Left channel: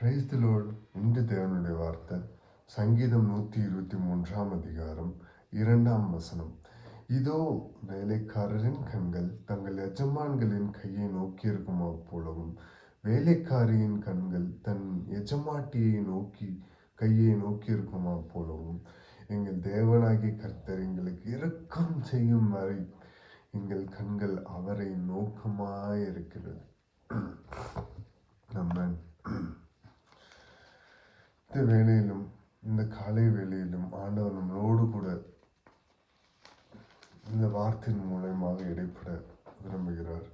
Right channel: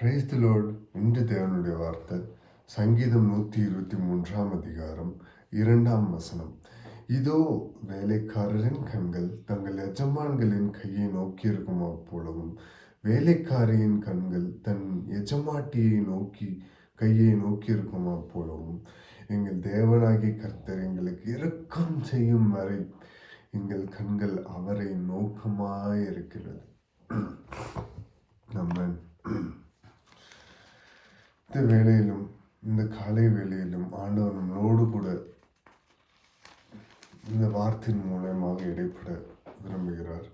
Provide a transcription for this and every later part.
Praise the Lord. இன்று தேவனுடைய வார்த்தை சங்கீதம் 123 அதிகாரம் 2 இதோ வேலைக்காரரின் கண்கள் தங்கள் எஜமான்களின் கையை நோக்கியிருக்குமா போலவும் வேலைக்காரியின் கண்கள் தன் எஜமாட்டியை நோக்கி கையை நோக்கியிருக்குமா போலவும் எங்கள் தேவனாகிய கர்த்தர் எங்களுக்கு இரக்கம் செய்யும் வரை எங்கள் கண்கள் அவரை நோக்கமாயிருக்கிறது. நம்ம இந்த வேளையிலும் இந்த காலை வேளையிலும் ஆண்டவர் நம்மளோடு கூட இந்த வார்த்தையின் மூலமாக இடைப்பட விரும்புகிறார்.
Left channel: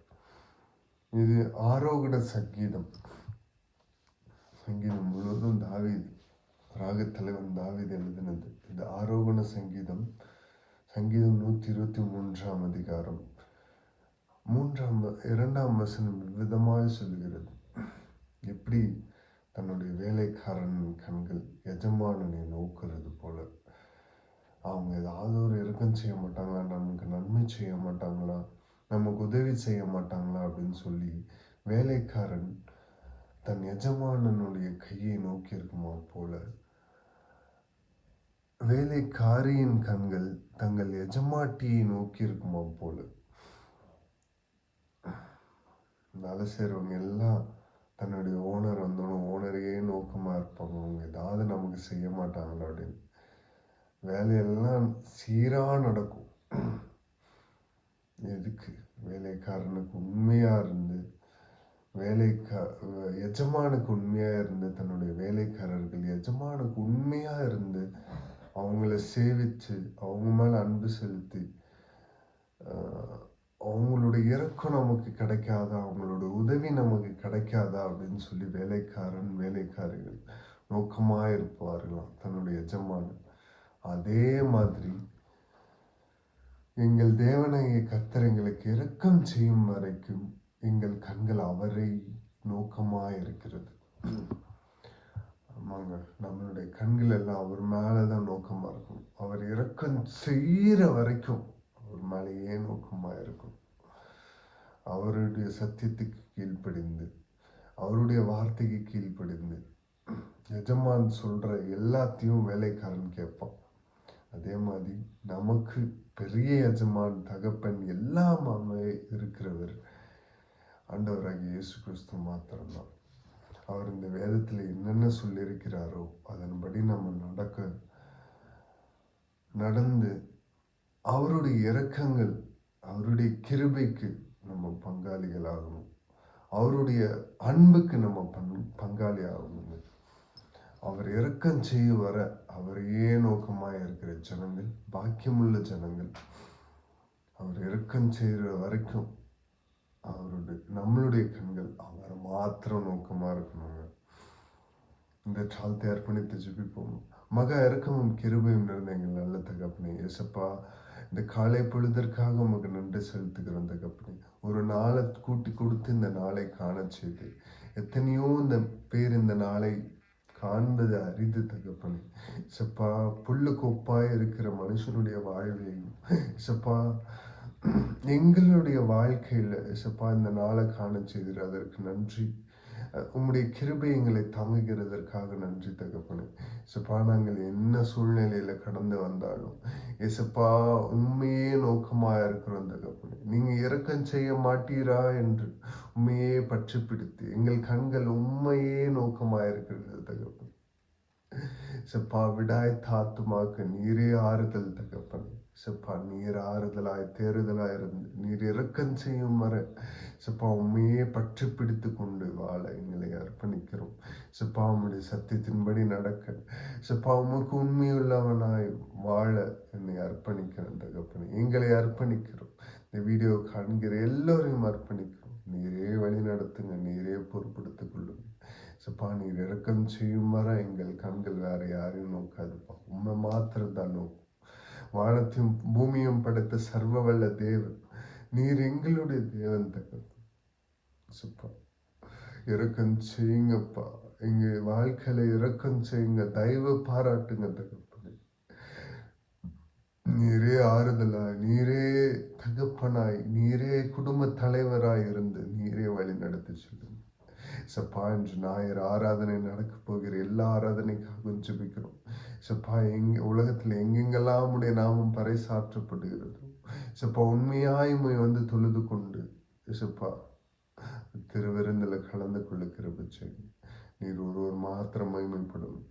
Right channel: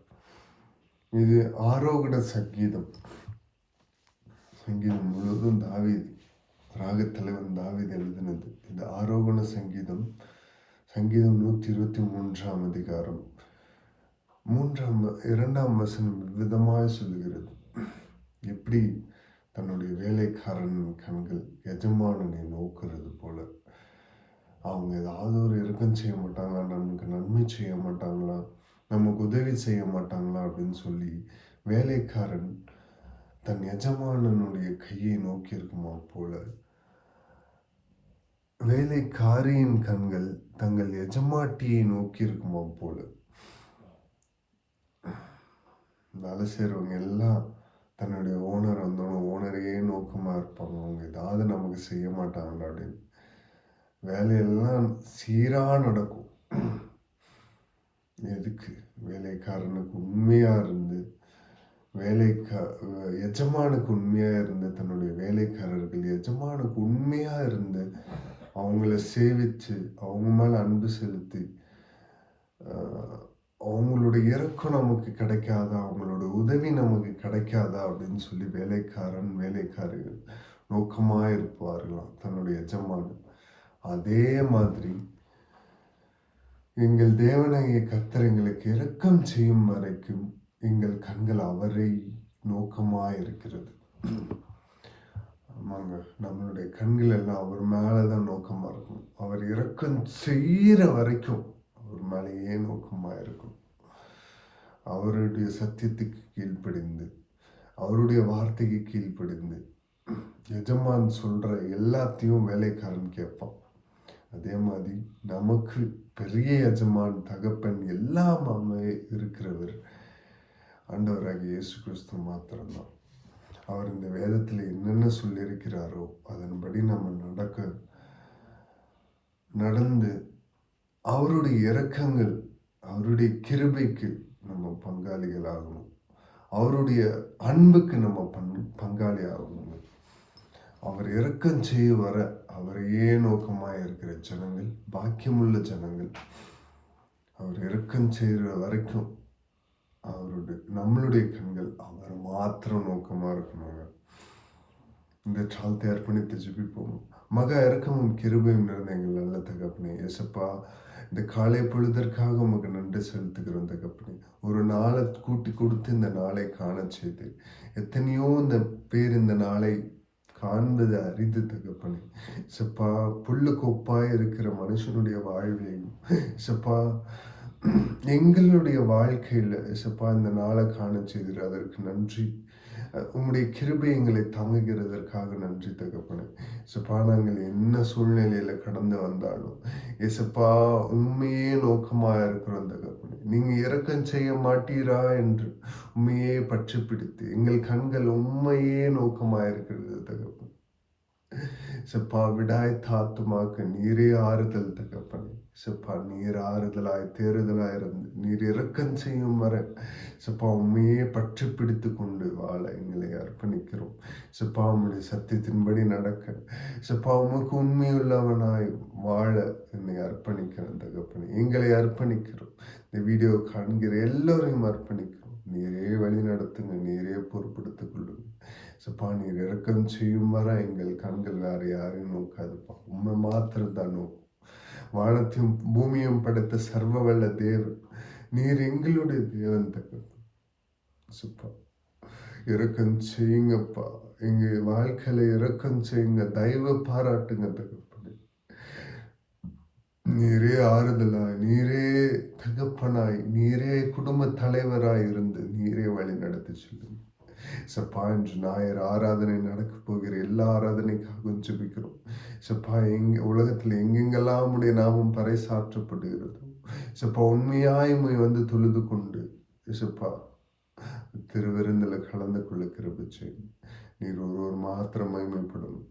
இது ஆரோகண சங்கீதம் முழுவதும் தாவீது ராகத்தலைவன் தாவீது எழுதினது. இந்த ஆரோகண சங்கீதம் 123 அதிகாரம் 2 விதமாய் சொல்லுகிறது. எப்படி தன்னுடைய வேலைக்காரன் கண்கள் எஜமானனை நோக்கிறது போல, அவங்க ஏதாவது ஒரு இரக்கம் செய்ய மாட்டாங்களா, நமக்கு நன்மை செய்ய மாட்டாங்களா, நமக்கு உதவி செய்ய மாட்டாங்களா அப்படின்னு சொல்லி வேலைக்காரன் தன் எஜமானனுடைய கையை நோக்கி இருக்குமா போல வேலைக்காரியின் கண்கள் தங்கள் எஜமாட்டியை நோக்கி இருக்குமா போல. வேலை செய்யறவங்க எல்லாம் தன்னுடைய ஓனர் வந்தோம் ஓனரையே நோக்கமா இருப்பாங்க. அவங்க ஏதாவது நமக்கு செய்ய மாட்டாங்க அப்படின்னு. வேலையெல்லாம் சீரா நடக்கும். எதுக்கு? வேலைக்காரனுக்கு உண்மையா இருந்து எஜமானுக்கு உண்மையா இருந்து தன்னுடைய வேலைக்காரர்கள் எஜமானுக்கு உண்மையா இருந்து அவங்கள சேவிச்சு அவங்க மேல அன்பு செலுத்தி அவங்களுடைய இறக்கம் நமக்கு கிடைக்காதா, அவங்களோட உதவி நமக்கு கிடைக்காதா அப்படின்னு சொல்லி வேலைக்காரிகள் நோக்கமா இருப்பார்களாம் தன்னுடைய எஜமானன். அதே மாதிரி எங்கள் தேவனாகிய கர்த்தர் எங்களுக்கு இரக்கம் செய்யும் வரைக்கும் எங்கள் கண்கள் அவரை நோக்கமா இருக்கிறது. ஆமாங்க, நம்மளுடைய கண்கள் எல்லாம் அவர் மேலதான் நோக்கமா இருக்கும். அவர் இரக்கம் செய்யற வரைக்கும் அவர் மேலேயே நோக்கமா இருக்கும். அவருடைய சத்தியத்துக்கு கீழ்ப்படிந்து அவருடைய வார்த்தைக்கு கீழ்ப்படிந்து எஜமான் சொல்ற எல்லாத்தையும் வேலைக்காரன் கேட்பான். அதே மாதிரி நமக்கு பெரிய எஜமான் தகப்பன் எல்லாமே இருக்கிறவர் ஆண்டவராகிய இயேசு கிறிஸ்து மாத்திரம்தான். அவர் இந்த வேதத்துல என்னென்ன சொல்லியிருக்கிறாரோ அதன்படி நம்ம நடந்து அவருடைய இரக்கங்கள் அவருடைய கிருபைக்கு நம்ம பங்காளிகள் ஆகணும். அவருடைய அன்புக்கு நம்ம பங்காளி ஆகணும். அவர் இரக்கம் செய்ய வர அவரையே நோக்கமாக இருக்கிற ஜனங்கள் பாக்கியமுள்ள ஜனங்கள். அவர் இரக்கம் செய்கிற வரைக்கும் நம்மளுடைய கண்கள் அவர் மாத்திரம் நோக்கமா இருக்கணும். இந்த சாலத்தை அர்ப்பணித்து ஜெபிப்போம். மகா இரக்கமும் கிருபையும் நிறைந்த எங்கள் நல்ல தகப்பனே, ஏசப்பா, இந்த காலை பொழுதற்காக உமக்கு நன்றி செலுத்துகிறோம் தகப்பனே. ஒரு நாளை கூட்டி கொடுத்து இந்த நாளை காண செய்து எத்தனையோ இந்த பேர் இந்த நாளை காண்பது அரிது தகப்பனே. சப்பா, புல்லு கொப்பாய் இருக்கிற மனுஷனுடைய வாழ்வையும் சப்பா எங்களுடைய வாழ்க்கையில சப்பா இந்த நாளை காண செய்கிற அதற்கு நன்றி. உம்முடைய கிருபை எங்களை தாங்குகிறதற்காக நன்றி தகப்பனே. சப்பா, நாங்கள் என்ன சூழ்நிலையில கடந்து வந்தாலும் ஏசப்பா உண்மையே நோக்கமா இருக்கிறோம் தகப்பனே. நீங்க இரக்கம் செய்ய மாட்டீரா என்று உண்மையே பற்றி பிடித்து எங்கள் கண்கள் உண்மையே நோக்கமா இருக்கிறது தகப்பனே. சப்பா, விடாய் தாத்துமாக்கு நீரே ஆறுதல் தகப்பனே. சப்பா, நீர் ஆறுதலாய் தேறுதலாய் இருந்து நீர் இரக்கம் செய்யும் வர சப்பா உண்மையே பற்றி பிடித்து கொண்டு வாழ எங்களை அர்ப்பணிக்கிறோம். சப்பா, உம்முடைய சத்தியத்தின்படி நடக்க சப்பா உமக்கு உண்மையுள்ளவனாய் வாழ என்னை அர்ப்பணிக்கிறேன் தகப்பனே. எங்களை அர்ப்பணிக்கிறோம். இந்த வீடியோ காண்கிற எல்லோரையும் அர்ப்பணிக்கிறோம். நீரே வழி நடத்துங்க, நீரே பொறுப்படுத்திக் கொள்ளுங்க. சப்பா, நீர் இரக்கம் செய்யும் வர எங்கள் கண்கள் வேற யாரையும் நோக்காதுப்பா, உண்மை மாத்திரம் தான் நோக்கும். வானத்தையும் பூமியும் படைத்த சர்வ வல்ல தேவன் நீர் எங்களுடைய தேவன் தகப்பன். சப்பா, இரக்கம் செய்யுங்கப்பா, எங்க வாழ்க்கையில இரக்கம் செய்யுங்க, தயவு பாராட்டுங்க தகப்பனே. நீரே ஆறுதலாய், நீரே தகப்பனாய், நீரே குடும்ப தலைவராய் இருந்து நீரே வழி நடத்தி சொல்லுங்க. சப்பா இன்று ஞாயிறு ஆராதனை நடக்க போகிற எல்லா ஆராதனைக்காகவும் ஜெபிக்கிறோம். சப்பா உலகத்தில் எங்கெங்கெல்லாம் உடைய நாமம் பறைசாற்றப்படுகிறதோ சப்பா உண்மையாய் உம்மை வந்து தொழுது கொண்டு சப்பா திருவிருந்தில் கலந்து கொள்ள கிருபை செய்யுங்க. நீர் ஒருவர் மாத்திரம் மகிமைப்படணும்.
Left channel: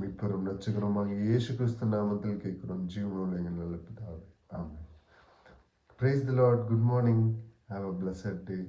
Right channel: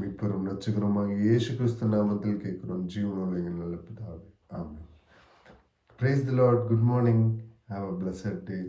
மீட்பரும் ரட்சகருமாக இயேசு கிறிஸ்து நாமத்தில் கேட்கிறோம் ஜீவனோடு எங்கள் நல்ல பிதாவே. ஆமென். Praise the Lord. Good morning. Have a blessed day.